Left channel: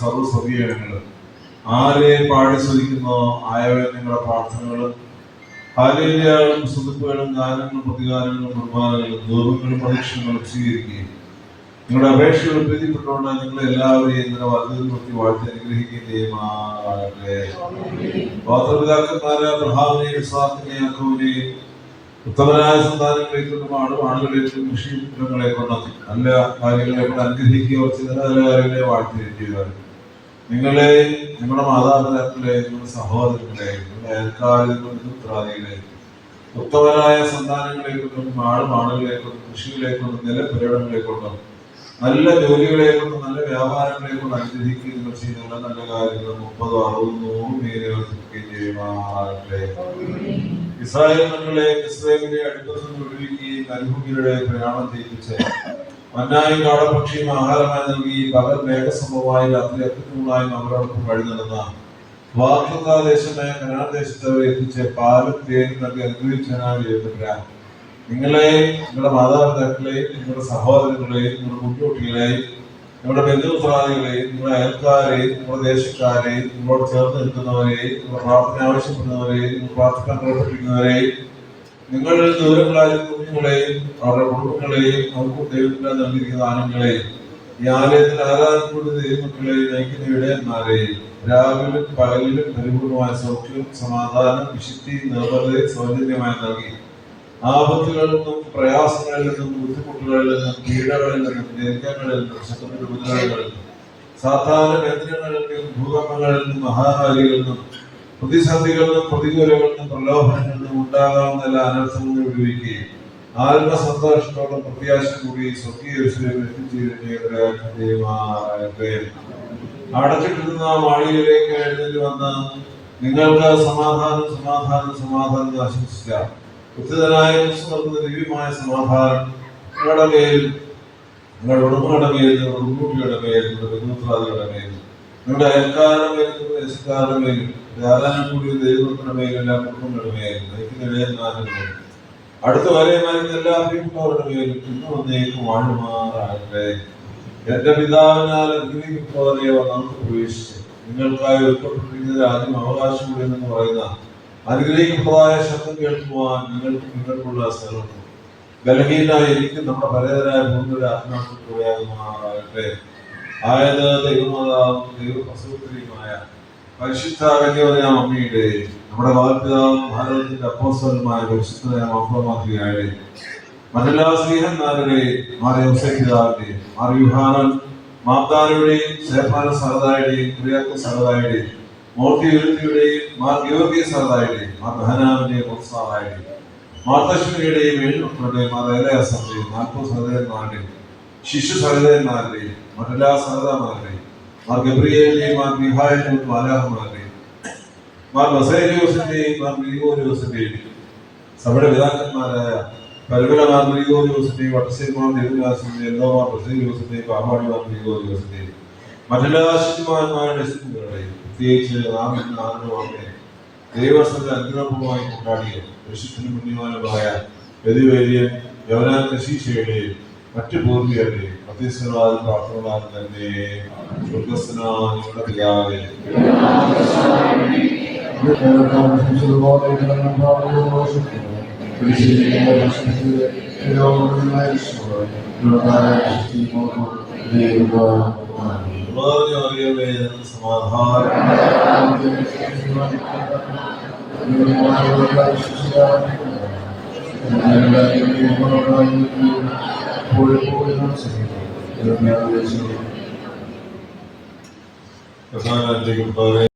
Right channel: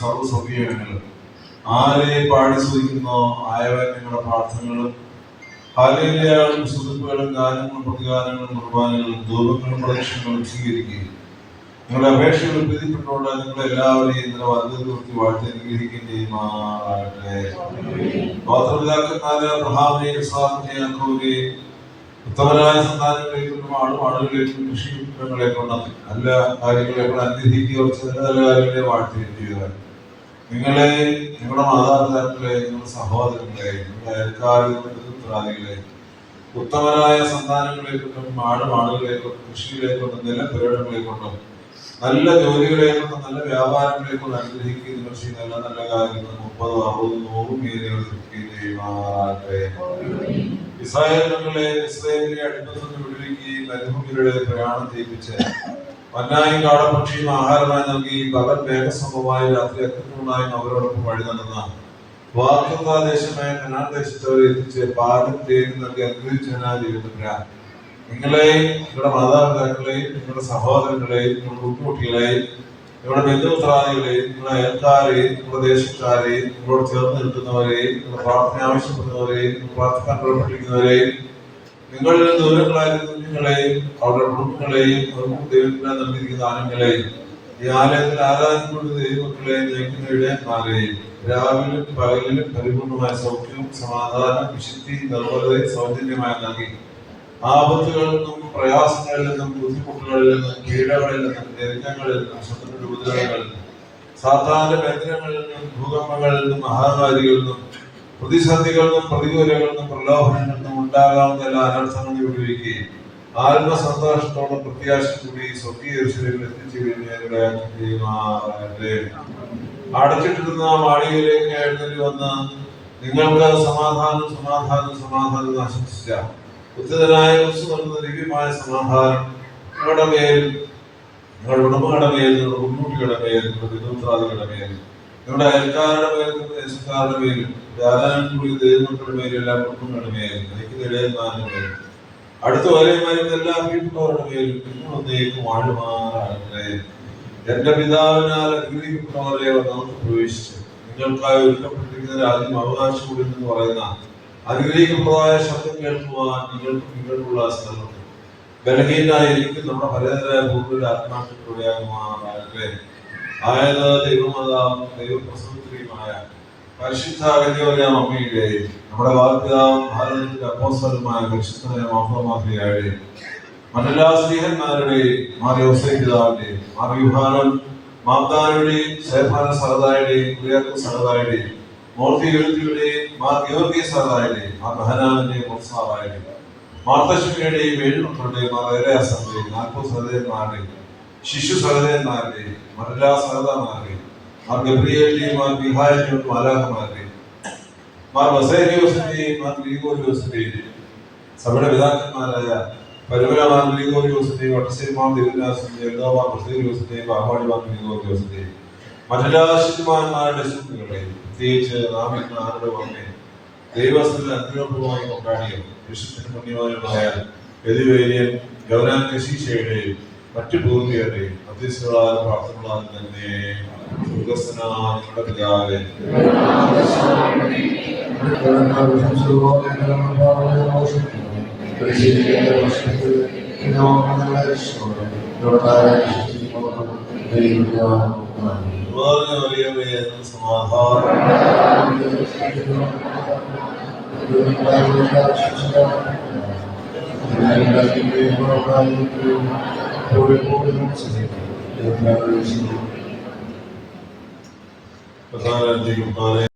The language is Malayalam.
സർവ്വസഭീയങ്ങളും ആരെ പാടി സ്തുതിക്കുന്നോ ആയവൻ നിങ്ങളുടെ പ്രാർത്ഥനകളും ഹാലേലുയാകളും സ്തുതിപ്പുകളും ഗാനങ്ങളും പ്രതികാരങ്ങളും കുർബാനകളും ധൂപങ്ങളും പ്രദക്ഷിണങ്ങളും സ്വീകരിക്കുകയും നിങ്ങളുടെ അപേക്ഷകളും പ്രീതിപ്പെട്ടുകൊണ്ട് നിങ്ങളെ എല്ലാവരെയും ഇതിനെ വർദ്ധി വാഴ്ത്തി അനുഗ്രഹിക്കുകയും ചെയ്യുമാറാകട്ടെ. മാതാപിതാക്കന്മാരെ അബ്രഹാമിനെയും ഇസ്ഹാക്കിനെയും യാക്കോബിനെയും ഉത്തമനായ സന്താനങ്ങളെക്കൊണ്ടും ആളുകളെക്കൊണ്ടും കൃഷികളെക്കൊണ്ടും നല്ല കാര്യങ്ങളെക്കൊണ്ട് അനുഗ്രഹിക്കുകയോ ചില നല്ല കാര്യങ്ങളെ വാഴ്ത്തുകയും ചെയ്താൽ നിങ്ങളെ, നിങ്ങളുടെ മാതാപിതാക്കളെ, നിങ്ങളുടെ സഹോദരങ്ങളെ, നിങ്ങളുടെ അയൽക്കാരെ, പുത്രാദികളെ ഉത്തമനായ സന്താനങ്ങളെക്കൊണ്ടും ആളുകളെക്കൊണ്ടും കൃഷികളെക്കൊണ്ടും നിലപുരടങ്ങളെക്കൊണ്ടും നല്ല ജോലികളെക്കൊണ്ടും നല്ല വ്യാപാരങ്ങളെക്കൊണ്ടും അനുഗ്രഹിക്കുകയും നിങ്ങൾ ചെയ്യുന്ന എല്ലാ നല്ല കാര്യങ്ങൾ 30, 60, 100 മേലുകയും ചെയ്യുമാറാകട്ടെ. ഇസ്രായേൽ മക്കളെ ഇസ്രായേലിനെ അടുപ്പത്തിൽ നിന്ന് വിടുവിക്കുകയും മരുഭൂമിയുടെ പ്രയാണം ചെയ്യിപ്പിച്ച് മന്നായും കാടപക്ഷിയും ആഹാരമായി നൽകി പകൽ മേഘസംഭവമായി രാത്രി അഗ്നികൂണായും അവരോടൊപ്പം വഴി നടന്ന വാഗ്ദത്തദേശമായ കനാൻ ദേശത്ത് അവരെ എത്തിച്ച് പാലും തേനും നൽകി അനുഗ്രഹിച്ചവരാ നിങ്ങളെ, നിങ്ങളുടെ മാതാപിതാക്കളെയും നിങ്ങളുടെ സഹോദരങ്ങളെയും നിങ്ങളുടെ കുട്ടികളെയും നിങ്ങളുടെ ബന്ധുമിത്രാദികളെയും നിങ്ങളുടെ അയൽക്കാരെയും നിങ്ങളുടെ ദേശക്കാരെയും നിങ്ങളോട് ചേർന്ന് നിൽക്കുന്നവരെയും നിങ്ങളുടെ പ്രാർത്ഥന ആവശ്യപ്പെടുന്നവരെയും നിങ്ങൾ പ്രാർത്ഥിക്കാൻ പുറപ്പെട്ടിരിക്കുന്നവരെയും നിങ്ങളിൽ ദൂരങ്ങളായ കുഞ്ഞുങ്ങളെയും അവരുടെ കുടുംബങ്ങളെയും അവർക്ക് ദൈവത്തിനായി നൽകിയിരിക്കുന്ന ദാനങ്ങളെയും ഈ ആലയത്തിൽ ആരാധനയുടെ ദൈവമക്കളെ നയിക്കുന്ന ഇടയന്മാരെയും രാവിലും പകലിലും പരിപൂർണമായ സൗഖ്യവും സമാധാനം വിശുദ്ധി നിർമ്മലതയും സൗജന്യമായി നൽകി ആപത്തുകളിൽ നിന്നും പ്രയാസങ്ങളിൽ നിന്നും ബുദ്ധിമുട്ടുകളിൽ നിന്നും പീഡകളിൽ നിന്നും ഞെരുക്കങ്ങളിൽ നിന്നും ശത്രുവിന്റെ ഉപദ്രവങ്ങളിൽ നിന്നും സാധാരണ കേന്ദ്രങ്ങളിൽ നിന്നും ഭൂകമ്പങ്ങളിൽ നിന്നും മഹാമാരികളിൽ നിന്നും പ്രതിസന്ധികളിൽ നിന്നും പ്രതികൂലങ്ങളിൽ നിന്നും പ്രലോഭനങ്ങളിൽ നിന്നും ഉണ്ടാകാവുന്ന എല്ലാ അനർത്ഥങ്ങളും വിടുവിക്കുകയും ആത്മസന്തോഷത്തോടും പ്രത്യാശ കൂടി സ്വകീയ എത്തിച്ചേരുമാറാകട്ടെ. അടച്ചിട്ടിരുന്ന മാളികയിലേക്ക് എഴുന്നേറ്റ് വന്ന് നിങ്ങൾക്ക് സമാധാനം സമാധാനം സമാധാനം ആശംസിച്ച ഉത്തിതനായ നൽകുന്ന ദിവ്യമായ സമാധാനം നിങ്ങളുടെ മേൽ, നിങ്ങളുടെ ഉടമകളുടെ മേൽ, നിങ്ങളുടെ മുൻകൂട്ടിയുടെ മേൽ, നിങ്ങളുടെ ബന്ധുത്രാദികളുടെ മേൽ, നിങ്ങളുടെ അയൽക്കാരുടെ മേൽ, നിങ്ങളുടെ ദേശക്കാരുടെ മേലും ധാരാളം കൂടിയ ദൈവങ്ങളുടെ മേലും എല്ലാ കുടുംബങ്ങളുടെ മേലും നയിക്കുന്ന ഇടയന്മാരുടെ മേലും അടുത്ത വരെ മരുന്ന എല്ലാ പ്രിയപ്പെട്ടവരുടെ മേലും ഇന്ന് വന്നേക്കും വാഴുമാറാകട്ടെ. എന്റെ പിതാവിനാൽ അനുഗ്രഹിക്കപ്പെട്ടവരെ നമുക്ക് പ്രവേശിച്ചു നിങ്ങൾക്കായി ഒരുക്കപ്പെട്ടിരിക്കുന്ന രാജ്യം അവകാശം എന്ന് പറയുന്ന അനുഗ്രഹിക്കപ്പെട്ടതായ ശബ്ദം കേൾക്കുവാൻ നിങ്ങൾക്കുള്ള സ്ഥലം ബലഹീനായിരിക്കും നമ്മുടെ പലതരായ ഭൂമിയുടെ ആത്മാക്കളുടെയാകുമാറാകട്ടെ. ആയത് ദൈവമാതാവും ദൈവപ്രസവത്രിയുമായ പരിശുദ്ധാകന്യവരായ അമ്മയുടെ നമ്മുടെ വാഗ്പിതാവും ഭാരതത്തിന്റെ അപ്പോസ്തലനുമായ പരിശുദ്ധനായ മാർത്തോമായുടെ മറ്റെല്ലാ സ്ത്രീഹന്മാരുടെയും മാർ യോസേഫ് പിതാവിന്റെയും മാർ യുഹാനൻ മാബ്ദാനുടെയും സേഫാന സഹദായുടെയും കുര്യാക്കോസ് സഹദായുടെയും മൂർത്തി വിരുത്തിയുടെയും മാർ ഗിയോർഗീസ് സഹദായുടെയും മാർ ബഹനാവിന്റെയും മൊത്സാറായുടെയും മാർത്തശ്മിയുടെയും ഏഴുമക്കളുടെയും മാർ ഏലയാസന്റെയും 40 സഹോദരന്മാരുടെയും ശിശു സഹോദരന്മാരുടെയും മറ്റെല്ലാ സഹദാമാരുടെയും മാർ ഗബ്രിയേലിന്റെയും മാർ മിഖായേലിന്റെയും മാലാഖമാരുടെയും മാർ ബസേലിയോസിന്റെയും മാർ ഗ്രിഗോരിയോസിന്റെയും സഭയുടെ പിതാക്കന്മാരായ പരമലമാർ ഗ്രിഗോരിയോസിന്റെയും വട്ടശ്ശേരിമാർ ദേവദാസിന്റെയും എന്തോമാർ ബസേലിയോസിന്റെയും പാമ്പാടിമാർ ഗ്രിഗോരിയോസിന്റെയും മറ്റെല്ലാ ശിശുമാന്മാരുടെ ശുദ്ധികളെയും പ്രത്യേകിച്ച് നാം ഇന്ന് ആരുടെ അമ്മയെ ദൈവസ്ഥത്തിൽ അനുഗ്രഹപൂർവ്വമായി കൊണ്ടാടിയ വിശുദ്ധന് മുന്നിയമായ ഗതിവേര്യൻ യവനാൻ കശീശയുടെയും മറ്റു പൂർവികരുടെയും മധ്യസ്ഥകളാൽ പ്രാർത്ഥനകളാൽ തന്നെ സ്വർഗസ്ഥനായ ഞങ്ങളുടെ പിതാവേ സമാധാനം